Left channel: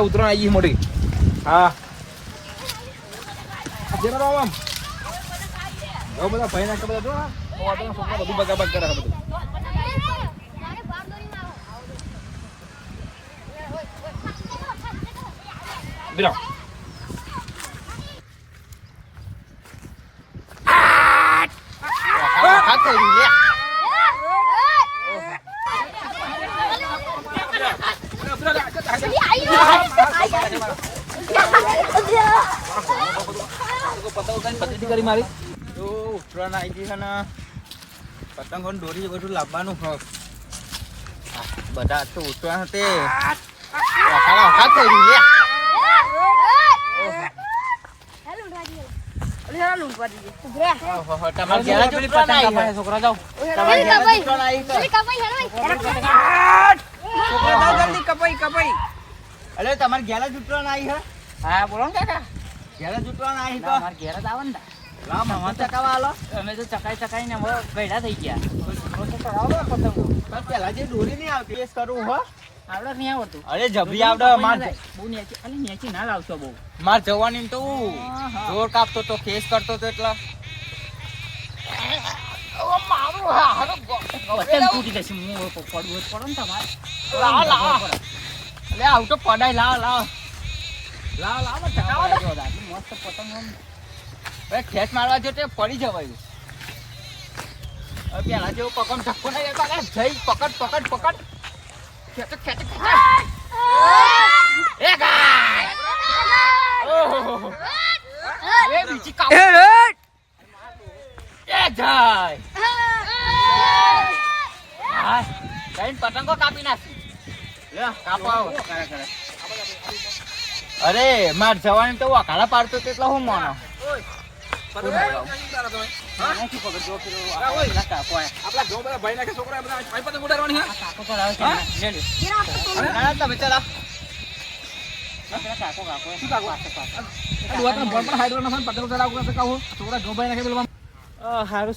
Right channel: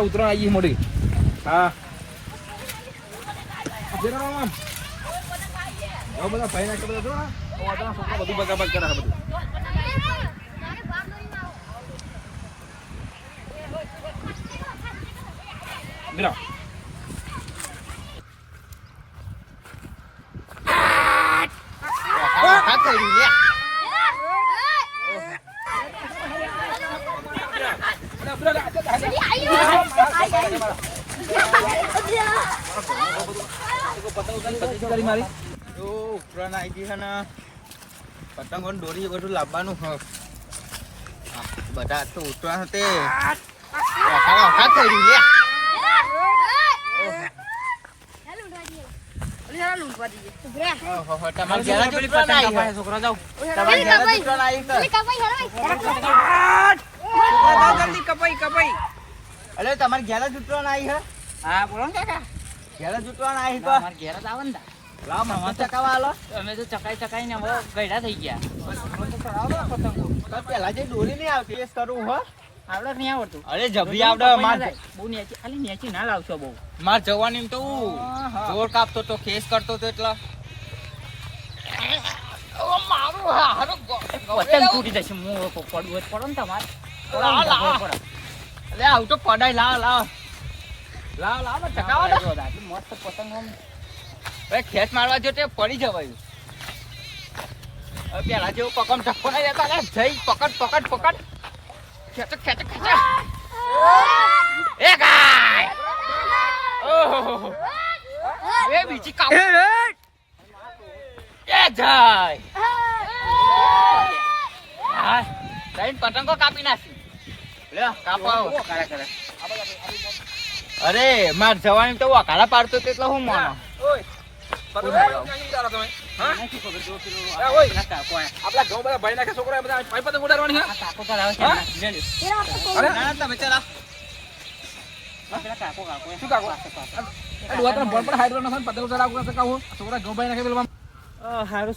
ઉતરણ આવી મોટી હા બધા ભાઈ નાખે બધા બધું બગાબગ કરે છે બધું. બીરા કરી મારી તો ઉત્તરાયણ આવી ગઈ છે ને પતંગો દોરી બધું લાવવાનું હ બધા તો ઉત્તરાયણ તે વખાણ થઈ રહ્યું લે તમારે ઘેર જ ઉત્તરાયણ આવી છે. છોકરા જાઓ તમારે ઘેર જ ઉત્તરાયણ આવી છે. અલે તમારે ઘેર જ ઉતરવાના આવી છે હા બોલો ને કાકા. ઘેર જ ઉતરવાના આવી તો? અમારે ઘેર જ આવે ને લાવ મમ્મા ચકાવા આલો અમે તો ચકાઈ ચકાઈ ને હવે ગયડા થઈ ગયા. ચડાવો પતંગો. પણ પેલા જે દોરી નહીં આવતી ટેસ્ટ કરવું હો. આવડે નહીં આવડતું. અરે જબરી આવડે માર બહુ નેચી ખાલી નેચી ના લાવશો બહુ. માર જવાની તો હું જોર કાપતો તો કેસ કરતો તો એટલા. પતંગ તૂટી જશે હું પડવું પડો ને તમારે. અલે આવ તો પડાય લાવ લાવ. લાવ લાવ ને ટકાવો ને. આટલી મસ્ત પતંગ આમ. હવે ખેંચ મારવા જો તે પડી જવાયું. હવે પેલા જેવું પકડ ધક્કો નહીં જતો અલે જઈ પકડ પકડ પકડ. ખેંચો ખેંચો ખેંચો. એ ગાય. ઓહો. એ બીજી કાપ એ જાય. હા જઈને પતંગો કાપી નાખી. અરે માર જવાની તો વકાળા પાડતો તો એટલે હું માનો.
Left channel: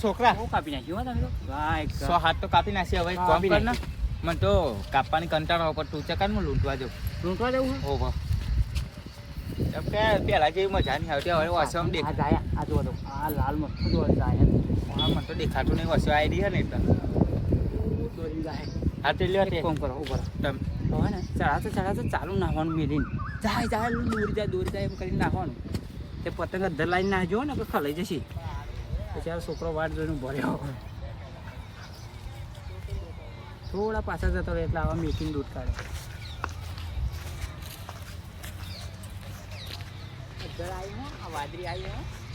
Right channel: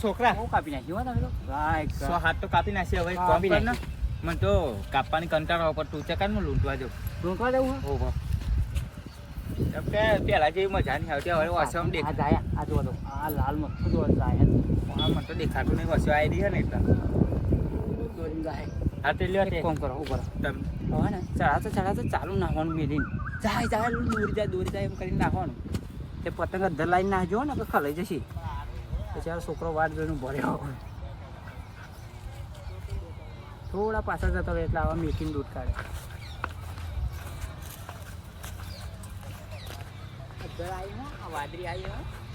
છોકરા નાખે કાપી નાખ્યું. ભાઈ સો હાથ તો કાપી નાખશે હવે કાપી કર ને. મને તો કાપવાની કંટાળો પર તું ચકાર હું લૂંટવા જાઉં? લૂંટવા જવું હો? એમ કે પેલા જેવી મજા નહીં આવતી હવે વસમ દેખ જાય આ જો તો. આ લાલ મસ્ત જો જાય. હા, મને તો દેખાતું નહીં વસો આવી રહી છે ને એટલે. દોરી જાય. હા તે લ્યો કોમ કરો ઉપર તમે. હવે ને ચડાવતો ચડાવતો ચાલુ નાખવાનું મેલીને. જાય જાય દોરી જાય દોરી જાય એમ કરીને નાખવાનું તે પતંગ અધર લાઈન નાખજો ને કે ખલાઈ જશે. પછી આ છોકરો વાટ જોઈને ભર્યો થોડા પાછા જતો રહે એટલે આવા મેકિંગ દૂધ કાઢે. અધર આવી હો આ આવી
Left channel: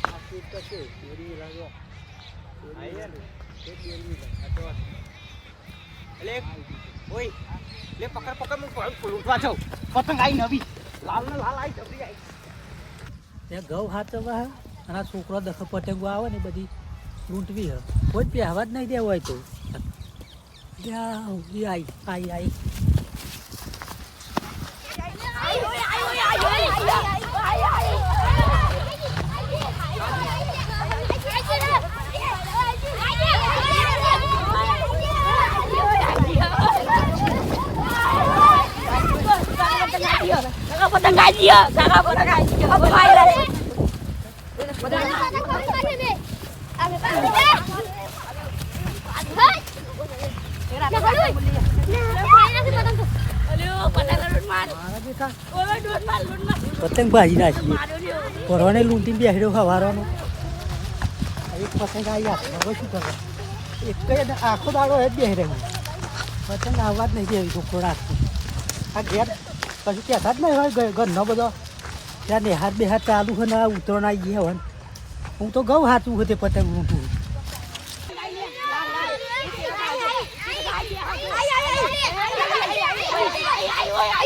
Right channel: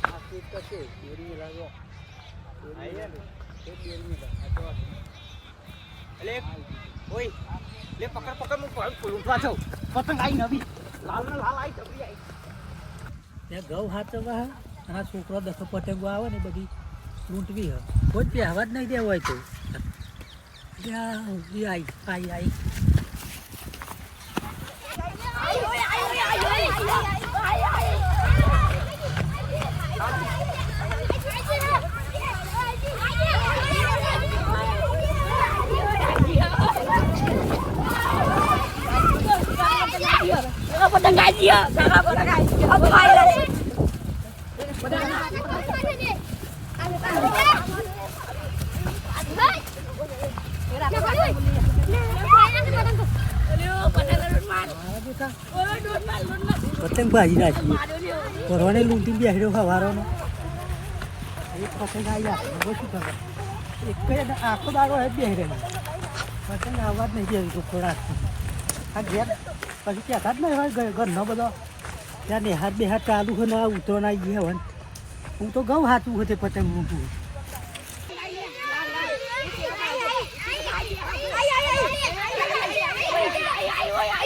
આ સ્વીટ તો લાગો? તે તો એટલે ઓય લે પકડ પકડ હું લૂંટવા જાઉં. પતંગ આવી નવી. લાલ લાલ આવી ત્યાં ઘઉં હાચવવા હે અને આ છોકરો દખો પતંગો આવે ને બધી લૂંટવી હ. કોઈ પહેવા જ નહીં દેવો હોય તો ત્યાં ઊભી આવી આવી આવી પતંગ ભાજી નાખી. ભરવાને લૂંટી બેસડ્યો ખવારવાનો એક પતંગ આવી આપણે શું કરવા એક આખો દાડો હે બેસડે પતંગ આવવા જ નહીં દેવી તો ખોરાક આ ઘેર પછી કહેતા જ નહીં હોય ઘરનો બધો. ત્યાં નેહાત બેહાત ચાલુ હોય ને ઉતરણ આવી ગયા હોય. હું તો ઘઉં હાચું હોય તે પતંગ લૂંટું આ ગામમાં કોણ અમારા? બધા તો. આ ઘઉં બધા તોડી નાખો બધા, ઘઉં બાળી નાખો, હા. આ તો રોજો ખાઈ જાય ને, આ તો તમે આ ને કશું ના મળે, જાઓ. જાઓ. આ એકાય ને કશું નહીં, પતંગ નહીં. એકેય પતંગ નહીં. ઉડો, પાછા ઉડો. ઘઉં બાળી નાખવાના નહીં મારે.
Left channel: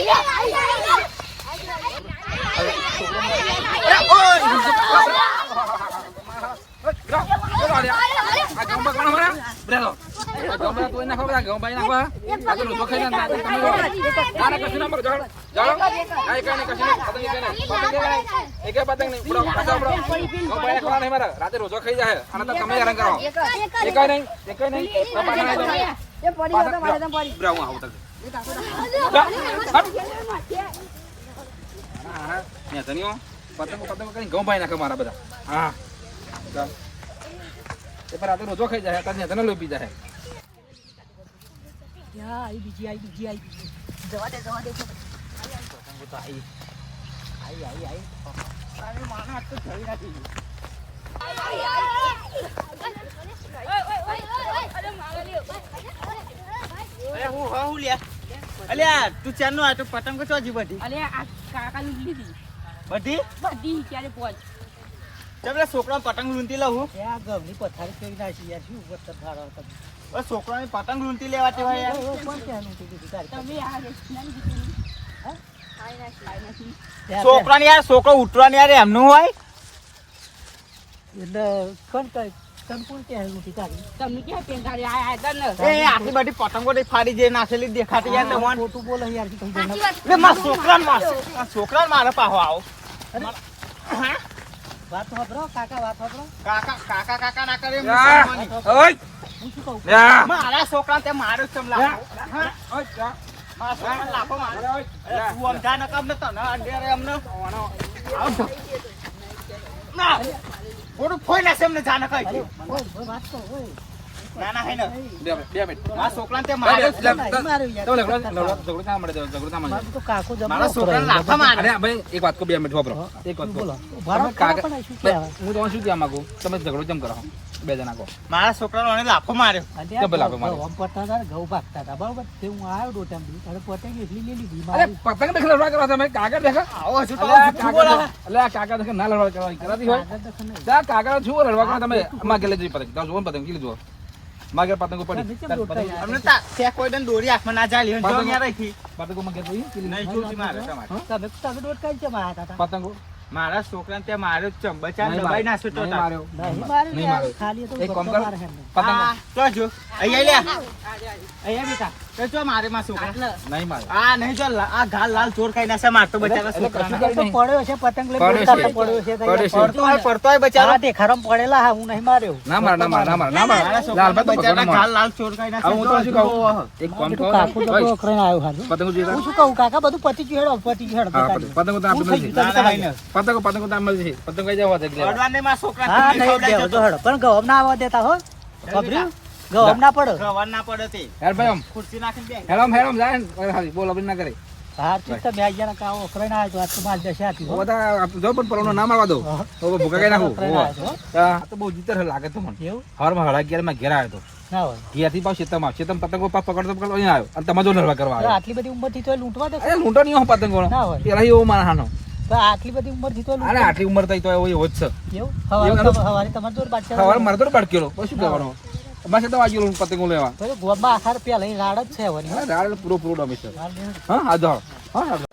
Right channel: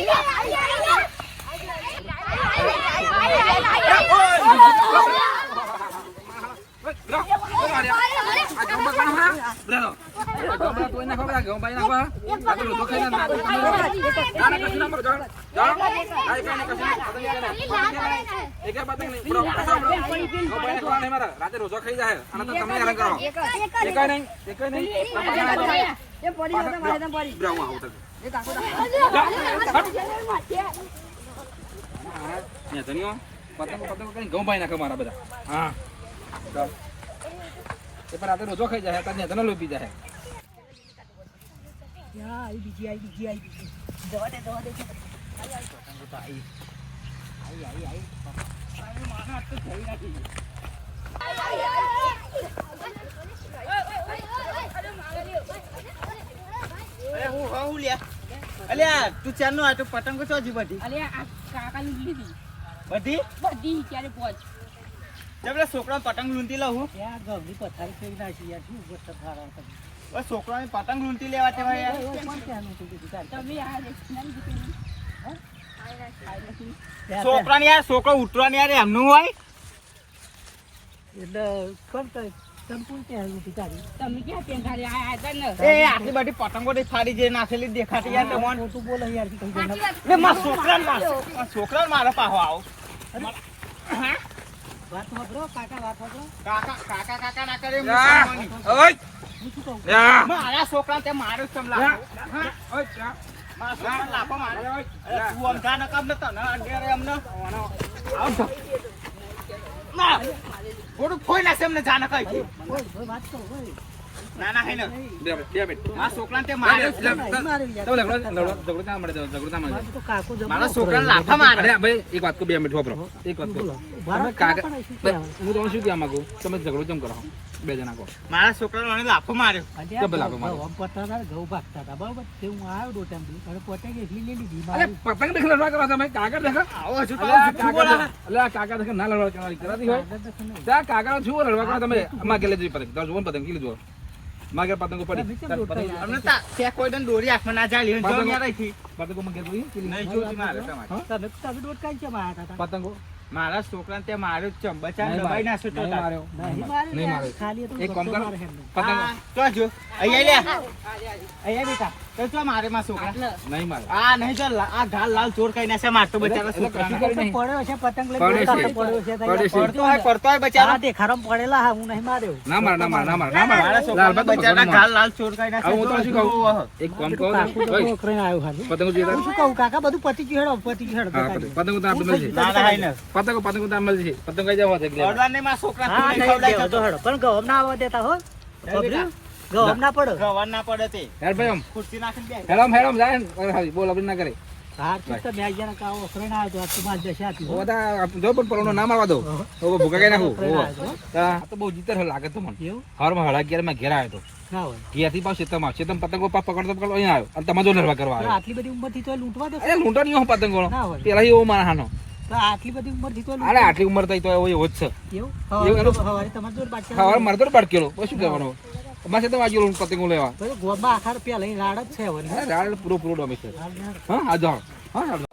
રાતે રોજો ખાઈ જાય અને તો તમે હેરાન કરો. એકાય નહીં, એકાય નહીં. એ પડી આવું મારે તો પડી આના, આવું પતંગો પતંગો કરીને ઘઉં ભાઈ નાખે મારા બધા હા. એ પર રાતે રોજો ખાઈ જાય અત્યારે ત્યાં લોપી જાય આવી બીજી આવી બીજી આવી બીજી જવા દે જવા દે પતંગો તો આવી આવી આવી હું લ્યા અલ્યા તું ચારનો આ તો પતંગો ચોજી બધી. અલ્યા આ કાકા લીધી. બધી? બધી ક્યારે પહોંચ તમે છોકરા પતંગ લૂંટી લઉં ત્યાં પથારી નાખી યાર શું વખત ભાડો બસ છોકરાને પતંગ લૂંટી લેવા તેવા યાર? તમે આ રેસ્ટોરન્ટ છોકરાને યાર છોકરો ઉતરવાની યાર એમનું હોય. એટલે કોણ એટલે મારા છોકરાને મારશે. મારા છોકરાને મારે પાહો આવો. વાત સાંભળો કાકા વાત સાંભળો. કાકા કાકા કાકા ના કરે એમ યા. કરવાની. ઓય હું શું કહું? યા. મારા છોકરા તે મારો. હા? ઓય મારા છોકરાને લાફો માર્યો. તું સમજા ન ને તને અમને. આવો ના. થોડું ફોઈ નાખશે એમને જાને કઈ વાત ઓય. ના ના હે ને બે બે મિનિટ. મારા છોકરાને તે લે, માર્યો લે, છે. લે, નહીં માર્યો યાર. તો ઝઘડો- ઝઘડો- ઝઘડો ના મળે, ઝઘડો ના મળે. તો કાકો જમવા મારા છોકરાને લાફા મારે. અરે ભાઈ એક વાત કહું બે મિનિટ વાપરો એક વાત રહો, તમે કહેવાય? હું તમને શું કહેવા માંગુ? તમે ઝઘડો કેમ કરો? બે જણા કહો. મારા છોકરાનો મને લાફો માર્યો. કે ભલા મારે. ઘઉં હતા, ઘઉં ભાગતા હતા, બરોબર? તે હું આવ્યો દોઢામથી, અને પતંગ એટલી લઈ લીધી અરે પતંગ દેખ લડવા કરવા તમે? કાગળ દેખો. આવો તો આવું જુઠ્ઠું બોલે ના લડવા કરવાની કરાતી હોય. જા લડવા કરવા તમે અમાર ગેલે જોઈ પતંગ. તમે જુઓ પતંગ કે જુઓ માર ઘેર પતંગો પડી અમને તા ત્યાં કોઈ દન દોરી આખમાં ના ચાલી હોય. જો પતંગો- ત્યાં રહી પતંગો માં ઘેર જોઈ કેટલી? નહીં જોતી મારે તમારે તમે તમે દોઢ કઈ કેમ આયા હતા? પતંગો મારા છોકરાને ત્યાં માર્યો નહીં દબાઈ. નાખ્યો તો. માર્યો. નહીં માર્યો. ખાલી એક કામ કરો. મારે પતંગો તો જો અહીંયા લે અહીંયા બેટા તો જો મારે માં છોકરા નહીં માર્યો. આ નહીં જો આ ઘાલ લાલ ચોર ખાઈ નાખ્યા મારતો બચારા એટલે છોકરાને. કશું તો પડ્યો છે પતંગ લઈને પડ્યો છે. હતા, પડ્યો છે તો પડ્યો છે. યાર. પડતો હોય પડતો હોય બચારો હા, દેખાડામાં પડેલા હા, હું નહીં માર્યો ના માર ના માર ના માર ના માર મારા છોકરાને લાલભાઈ તો બચારા ભગવાન લાલ ચોર ખાઈ હવે હું તો શું કહું એક કામ એ તો કરો કાકો તો ઓય, કરીને આવ્યો હારું. પતંગો જોઈએ હું શું કહું કાકા બધું પતી ગયું હેડો પતી ગયું હેડો. પતંગ- પતંગો તો આપણે મળશે ના ના હાય ને પતંગો પતંગો તો આપણે મળશે પતંગ કઈ જવા દે છોકરા તું જતો. હેડો. પણ ગવામ ના આવવા દેતા હો બેટા. ના પડો. ગવાન ના પડે તે. યાર ભાઈ આમ. ખુરશી નાખીને બેસ. હેરામ હેરામ જાય ને હારી બોલ આપણે ના કરે. હાર તો તમે આઈ કાવો ફ્રેન્ડ આવ્યો તો આજ તો માર જશે આથી. ઓ બધા જો પણ પરોનો નામ આવવા દો. તો ભૂકા કઈ નાખું. ફ્રેન્ડ તો, બહુ જીતર લાગે તો મને. હળા અગિયારમાં ઘેર આવ્યો તો. ઘેરથી પાછો શેતમ આવ્યો. શેતમ પતંગો પા પકડતો પકડતો અહીંયા આવ્યો. અને તમે જો કરવા તો આવ્યો. આટલી બધી ઉંમરથી તોય લૂંટવા દે અરે લૂંટો નહીં હો પતંગો ના પેલા એવો મારા હાનો તો આટલી બધી ઉંમરથી તોય અરે આટલી ઉંમર થઈ તો એવો એવો જ છે. એવું? હવારે તમા- તમારે મારે તો પછી શું કરવાનું? મારે તો વાગ્યું પતંગો લેવા. તો ગોમાં આખાર પેલા રાડ જ છે રાડ પૂરો પૂરો ડોમી છે. હા હા જાઓ. હા